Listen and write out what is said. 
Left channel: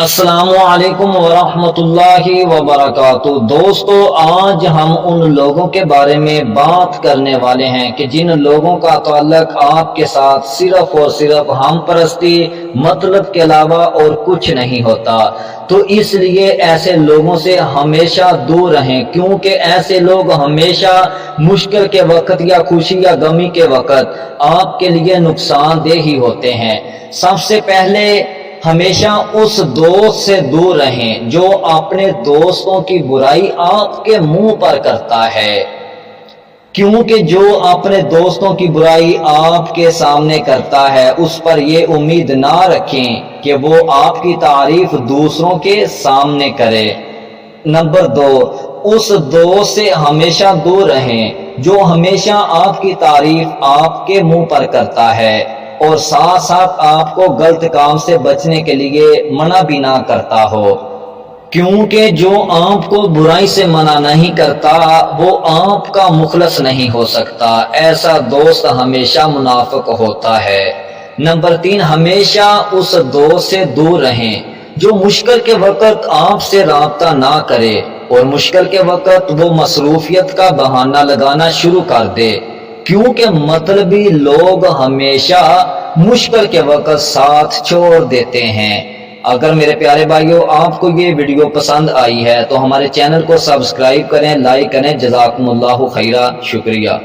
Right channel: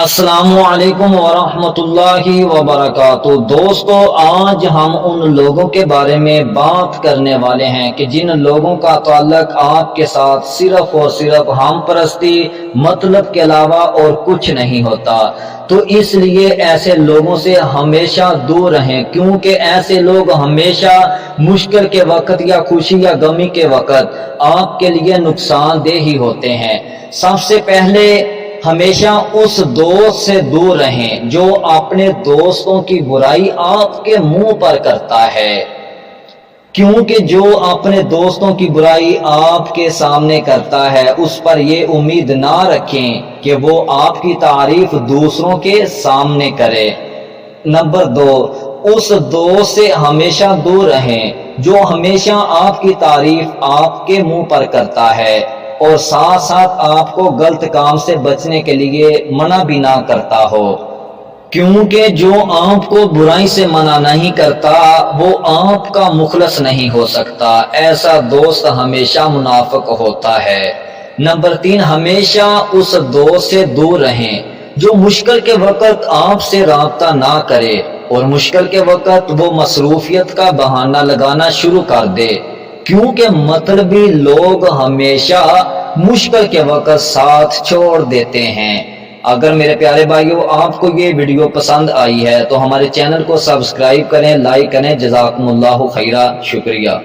السلام علیکم ورحمۃ اللہ وبرکاتہ۔ دوستو، آج ہم ان لوگوں کے بارے میں بات کرنے والے ہیں کہ جن لوگوں کا تعلق آپ کے ساتھ صرف اور صرف ہم پرستی مطلب کے علاوہ اور کچھ نہیں ہوتا، تو اس لیے ایسے لوگوں سے ہمیشہ دور رہیں، کیونکہ ایسے لوگ ہمیشہ مشکل کے وقت یا خوشی یا غمی کے وقت آپ کے لیے نقصان دہ ہی ہوتے ہیں۔ سب سے پہلے ہمیشہ اس دوست سے دور رہیں جو اپنے دوستوں کی برائی آپ کے منہ پر کرتا ہے، کیونکہ جو اپنے دوستوں کی برائی آپ کے سامنے کرتا ہے اس پر یہ امید نہ رکھیں کہ وہ آپ کی تعریف دوسروں کے سامنے کرے۔ نمبر 2، اس دوست سے ہمیشہ دور رہیں جو ہمیشہ آپ کی تعریف آپ کے منہ پر کرتا ہے اور ساتھ ساتھ آپ کو غلط کام سے بچنے کے لیے منع بھی نہ کرتا ہو، کیونکہ جو آپ کو برائی سے منع نہیں کرتا وہ آپ کا مخلص نہیں ہو سکتا۔ ایسا دوست ہمیشہ منافق ہوتا ہے۔ نمبر 3، ہمیشہ اس دوست سے دور رہیں جو مشکل کے وقت آپ سے رابطہ نہ کرے اور مشکل کے وقت وہ مصروفیت کا بہانہ لگانا شروع کر دے، کیونکہ مطلبی لوگ ہمیشہ مشکل کے وقت ساتھ چھوڑ دیتے ہیں۔ اگر میرے پیارے بھائیوں آپ کو یہ ویڈیو پسند آئی ہے تو ہمارے چینل کو سبسکرائب کریں، لائک کریں۔ جزاکم اللہ خیرہ، شکریہ۔